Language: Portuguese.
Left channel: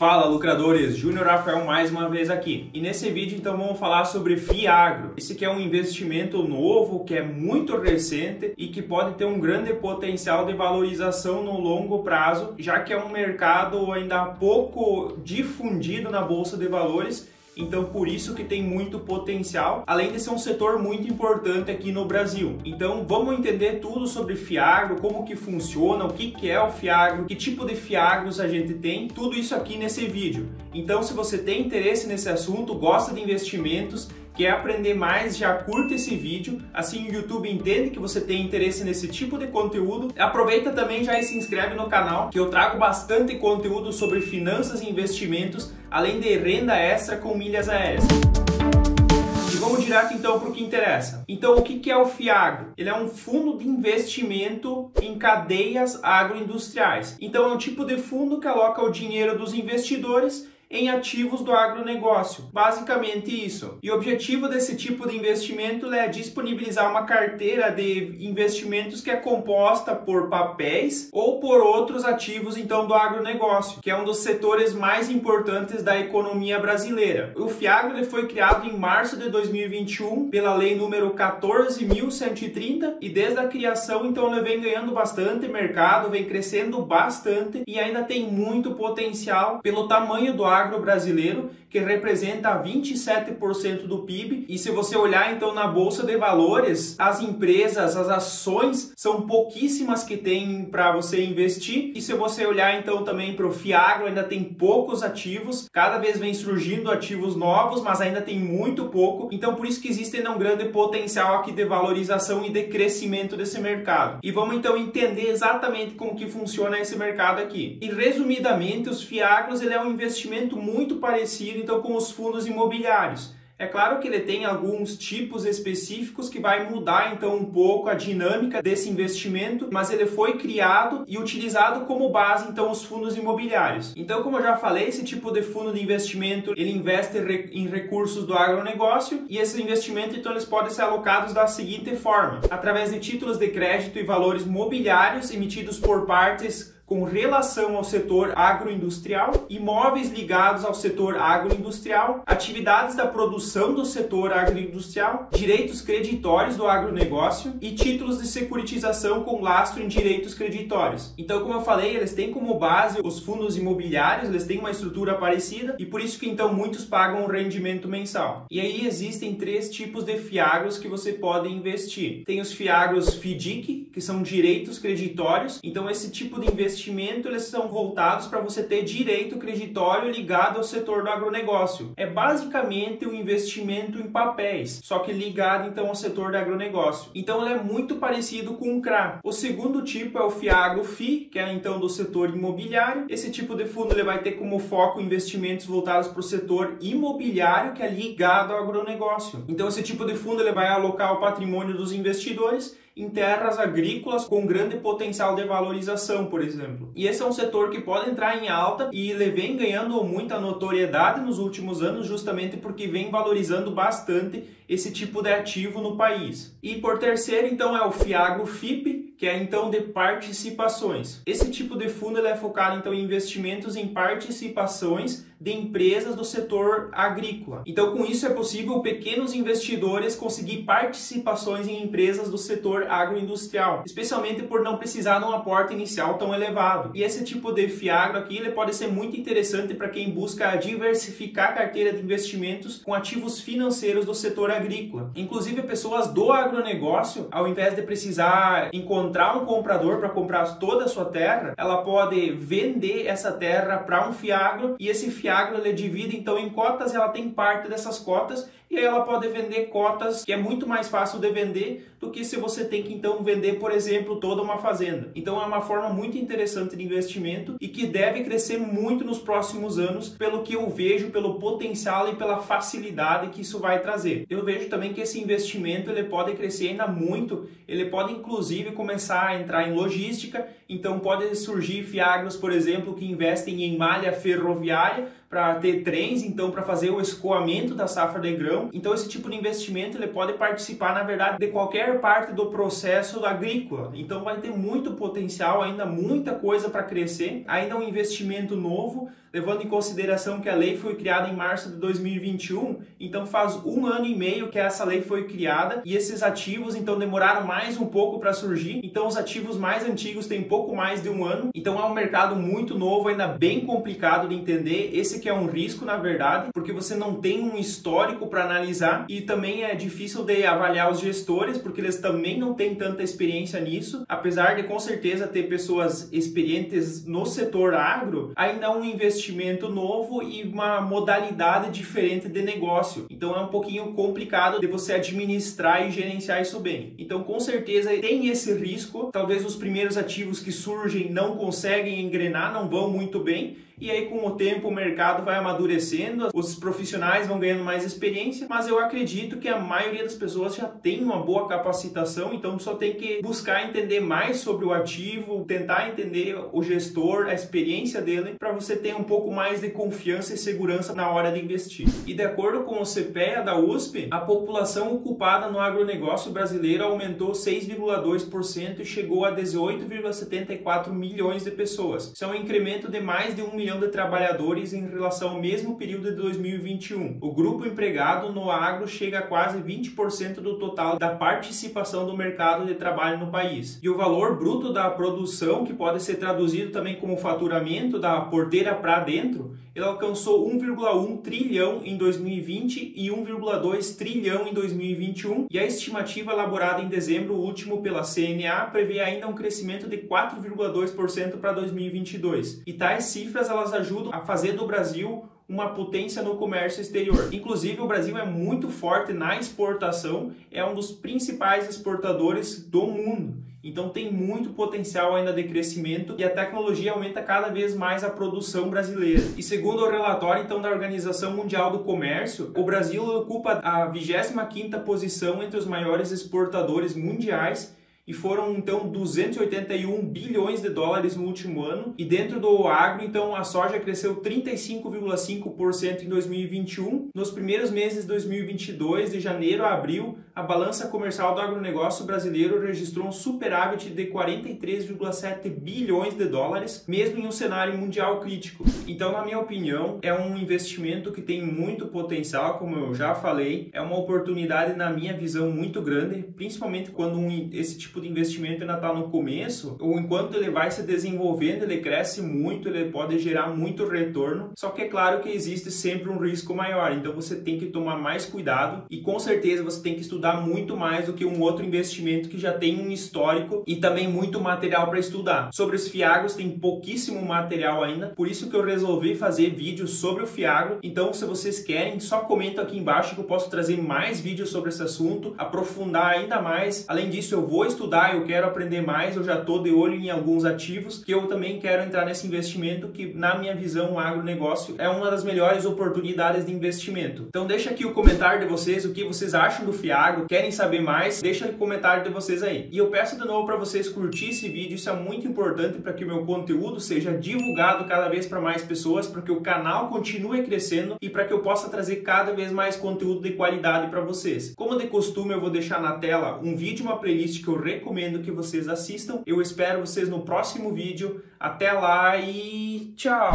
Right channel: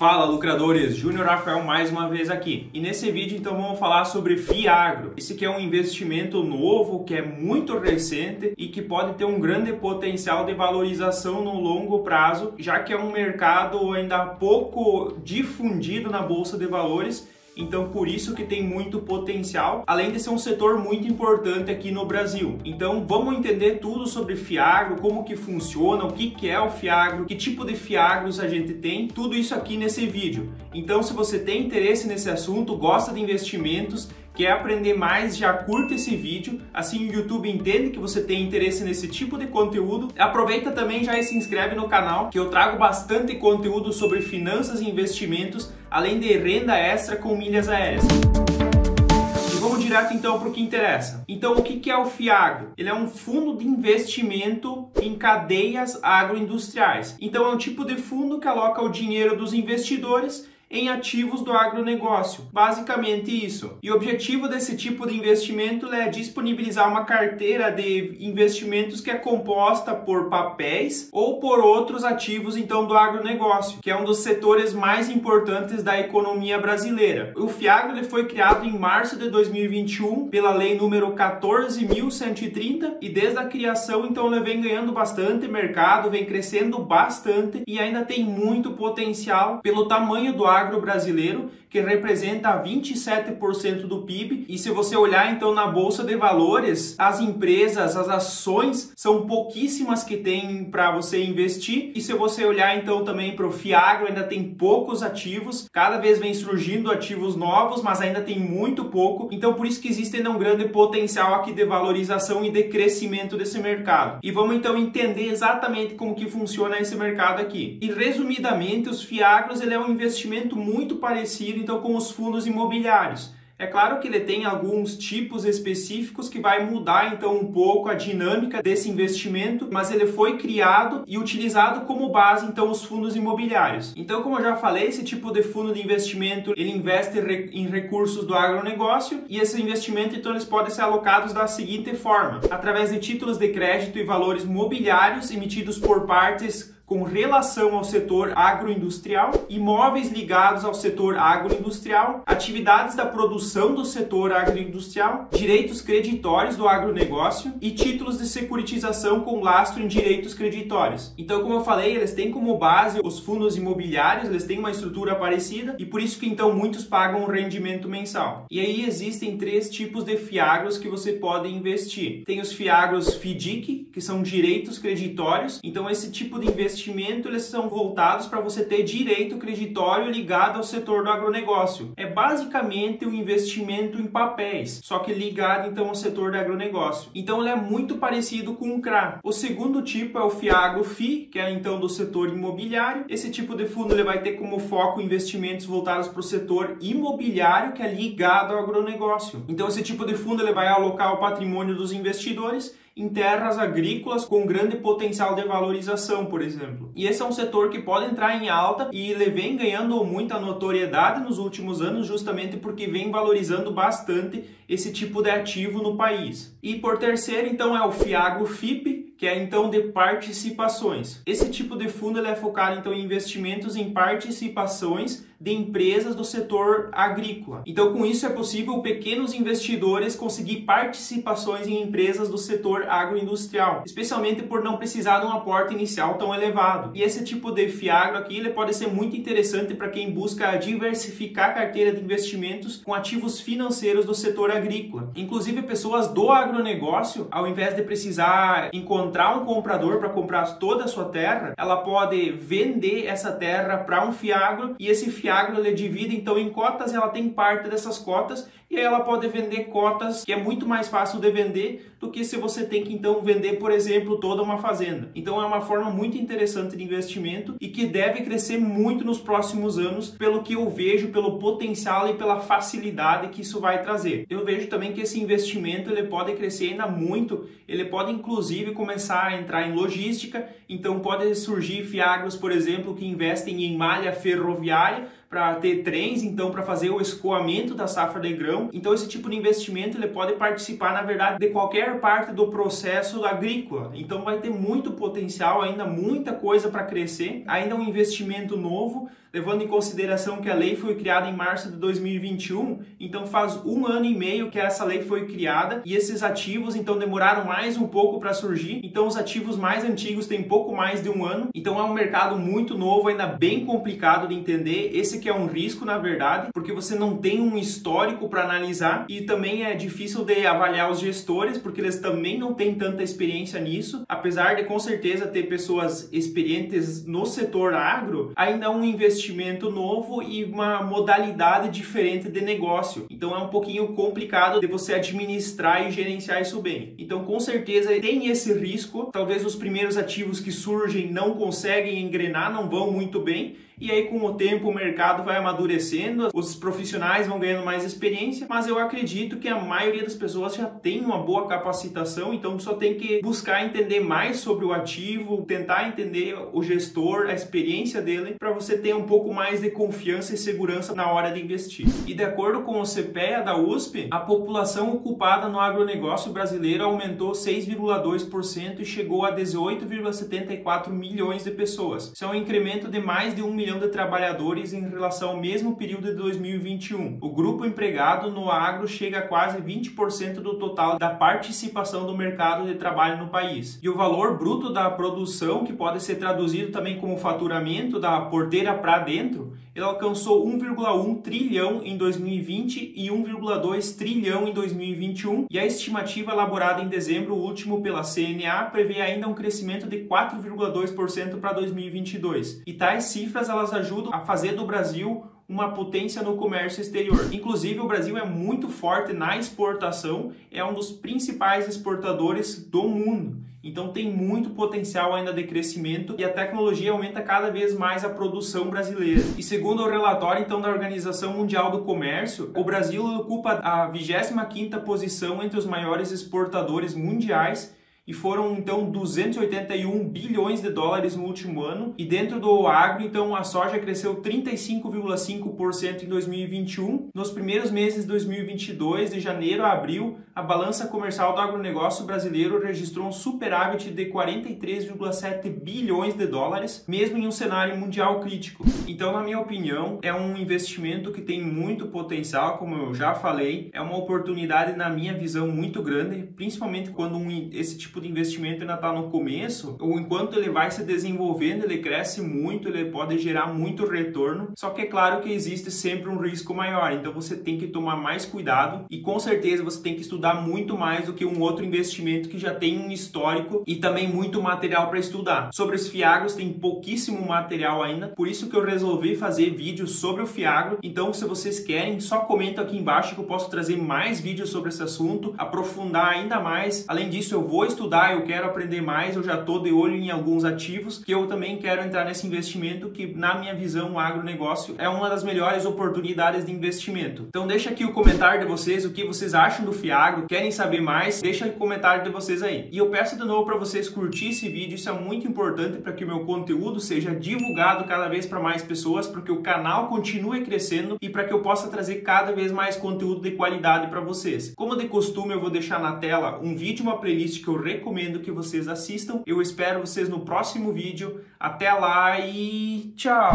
Fala, lucradores! Júnior Rafael mais uma vez aqui. E nesse vídeo então vamos falar sobre Fiagro. Esse que é um investimento novo, que é muito recente e que pode ter um grande potencial de valorização no longo prazo, já que é um mercado ainda pouco difundido na Bolsa de Valores. Então, por isso que tem muito potencial, além de ser um setor muito importante aqui no Brasil. Então, vamos entender tudo sobre Fiagro, como que funciona, o que é o Fiagro, que tipo de Fiagros a gente tem, tudo isso aqui nesse vídeo. Então, se você tem interesse nesse assunto, gosta de investimentos, quer aprender mais, já curta esse vídeo, assim o YouTube entende que você tem interesse nesse tipo de conteúdo. Aproveita também já e se inscreve no canal, que eu trago bastante conteúdo sobre finanças e investimentos, além de renda extra com milhas aéreas. E vamos direto então para o que interessa. Então, o que é o Fiagro? Ele é um fundo de investimento em cadeias agroindustriais. Então, é um tipo de fundo que aloca o dinheiro dos investidores em ativos do agronegócio. Basicamente isso. E o objetivo desse tipo de investimento é disponibilizar uma carteira de investimentos que é composta por papéis ou por outros ativos então do agronegócio, que é um dos setores mais importantes da economia brasileira. O Fiagro ele foi criado em março de 2021 pela lei número 14.130 e desde a criação então ele vem ganhando bastante mercado, vem crescendo bastante e ainda tem muito potencial pelo tamanho do agro brasileiro, que representa 27% do PIB. E se você olhar então na Bolsa de Valores, as empresas, as ações são pouquíssimas que tem para você investir. E se você olhar então também para o Fiagro, ainda tem poucos ativos, cada vez vem surgindo ativos novos, mas ainda tem muito pouco. Então por isso que existe ainda um grande potencial aqui de valorização e de crescimento desse mercado. E vamos então entender exatamente como que funciona esse mercado aqui. E resumidamente, os Fiagros ele é um investimento muito parecido então com os fundos imobiliários. É claro que ele tem alguns tipos específicos que vai mudar então um pouco a dinâmica desse investimento, mas ele foi criado e utilizado como base então os fundos imobiliários. Então, como eu já falei, esse tipo de fundo de investimento, ele investe em recursos do agronegócio e esse investimento então eles podem ser alocados da seguinte forma: através de títulos de crédito e valores mobiliários emitidos por partes com relação ao setor agroindustrial, imóveis ligados ao setor agroindustrial, atividades da produção do setor agroindustrial, direitos creditórios do agronegócio e títulos de securitização com lastro em direitos creditórios. Então, como eu falei, eles têm como base os fundos imobiliários, eles têm uma estrutura parecida e por isso que então muitos pagam um rendimento mensal. E aí existem três tipos de Fiagros que você pode investir. Tem os Fiagros FDIC, que são direitos creditórios. Então, esse tipo de investimento eles são voltados para você ter direito creditório ligado ao setor do agronegócio. É basicamente um investimento em papéis, só que ligado então ao setor do agronegócio. Então ele é muito parecido com o CRA. O segundo tipo é o Fiagro FI, que é então do setor imobiliário. Esse tipo de fundo ele vai ter como foco investimentos voltados para o setor imobiliário, que é ligado ao agronegócio. Então esse tipo de fundo ele vai alocar o patrimônio dos investidores em terras agrícolas com grande potencial de valorização, por exemplo. E esse é um setor que pode entrar em alta e ele vem ganhando muita notoriedade nos últimos anos justamente porque vem valorizando bastante esse tipo de ativo no país. E por terceiro, então, é o Fiagro FIP, que é então de participações. Esse tipo de fundo ele é focado então em investimentos em participações de empresas do setor agrícola. Então, com isso é possível pequenos investidores conseguir participações em empresas do setor agroindustrial, especialmente por não precisar de um aporte inicial tão elevado. E esse tipo de Fiagro aqui ele pode ser muito interessante para quem busca diversificar a carteira de investimentos com ativos financeiros do setor agrícola. Inclusive, pessoas do agronegócio, ao invés de precisar encontrar um comprador para comprar toda a sua terra, ela pode vender essa terra para um Fiagro e esse Fiagro ele divide então em cotas e ela tem parte dessas cotas e aí ela pode vender cotas que é muito mais fácil de vender do que se você tem que então vender, por exemplo, toda uma fazenda. Então é uma forma muito interessante de investimento e que deve crescer muito nos próximos anos, pelo que eu vejo, pelo potencial e pela facilidade que isso vai trazer. Eu vejo também que esse investimento ele pode crescer ainda muito, ele pode inclusive começar a entrar em logística, então pode surgir Fiagros, por exemplo, que investem em malha ferroviária para ter trens, então para fazer o escoamento da safra de grão. Então esse tipo de investimento ele pode participar, na verdade, de qualquer parte do processo agrícola. Então vai ter muito potencial, ainda muita coisa para crescer, ainda um investimento novo, levando em consideração que a lei foi criada em março de 2021, então faz 1 ano e meio que essa lei foi criada e esses ativos então demoraram mais um pouco para surgir, então os ativos mais antigos têm pouco mais de 1 ano, então é um mercado muito novo, ainda bem complicado de entender. Esse que é um risco, na verdade, porque você não tem um histórico para analisar e também é difícil de avaliar os gestores, porque eles também não têm tanta experiência nisso, apesar de com certeza ter pessoas experientes no setor agro, ainda é um investimento novo e uma modalidade diferente de negócio, então é um pouquinho complicado de você administrar e gerenciar isso bem. Então com certeza tem esse risco, talvez os primeiros ativos que surgem não conseguem engrenar, não vão muito bem, e aí com o tempo o mercado vai amadurecendo, os profissionais vão ganhando mais experiência, mas eu acredito que a maioria das pessoas já tem uma boa capacitação, então só tem que buscar entender mais sobre o ativo, tentar entender o gestor, a experiência dele, para você ter um pouco mais de confiança e segurança na hora de investir. E de acordo com o CPEA da USP, a população ocupada no agronegócio brasileiro aumentou 6,2% e chegou a 18,74 milhões de pessoas. Isso é um incremento de mais de 1 milhão de trabalhadores em relação ao mesmo período de 2021. O grupo empregado no agro chega a quase 20% do total da participação do mercado de trabalho no país. E o valor bruto da produção, que pode ser traduzido também como faturamento da porteira para dentro, ele alcançou 1,1 trilhão em 2020 e 1,2 trilhão em 2021, e a estimativa elaborada em dezembro último pela CNA prevê ainda um crescimento de 4,2% para 2022. E tais cifras elas ajudam a fazer do Brasil uma potência no comércio exterior. Inclusive, o Brasil é muito forte na exportação, é um dos principais exportadores do mundo. Então tem muito potencial ainda de crescimento e a tecnologia aumenta cada vez mais a produção brasileira. E segundo o relatório então da Organização Mundial do Comércio, o Brasil ocupa a 25ª posição entre os maiores exportadores mundiais, e foram então 281 bilhões de dólares no último ano. E dentro do agro, então, a soja cresceu 35,5% em 2021. Nos primeiros meses de 2022, de janeiro a abril, a balança comercial do agronegócio brasileiro registrou um superávit de 43,7 bilhões de dólares, mesmo em um cenário mundial crítico. Então, na minha opinião, é um investimento que tem muito potencial, como eu já falei, é uma oportunidade, na minha visão, muito grande, principalmente quando esse tipo de investimento ainda está no começo, ou enquanto ele vai se desenvolvendo, ele cresce muito, ele pode gerar muito retorno, só que é claro que existe sempre um risco maior, então você tem que tomar mais cuidado e com certeza você tem que estudar muito mais do que um outro investimento que já tem um histórico e também muito material para estudar. Sobre os FIAGROS tem pouquíssimo material ainda, por isso que eu resolvi fazer vídeos sobre o FIAGRO, então se vocês querem, só comenta aqui embaixo que eu posso trazer mais vídeos sobre esse assunto, aprofundar ainda mais. Além disso, eu vou estudar, eu quero aprender mais, eu já estou de olho em alguns ativos que eu também quero entrar nesse investimento, que na minha visão o agronegócio é uma das melhores oportunidades de investimento. Então deixa aqui o comentário de vocês, o que vocês acham do FIAGRO, querem saber mais, deixa o comentário de vocês aí. E eu peço de novo para vocês curtir esse vídeo, isso é muito importante para que o meu conteúdo seja divulgado cada vez para mais pessoas, para que o canal continue crescendo e para que eu possa trazer cada vez mais conteúdo de qualidade para vocês. Como de costume, eu vou deixar na tela um vídeo, uma playlist que eu recomendo que vocês assistam. Eu espero vocês no próximo vídeo. Até lá e tchau!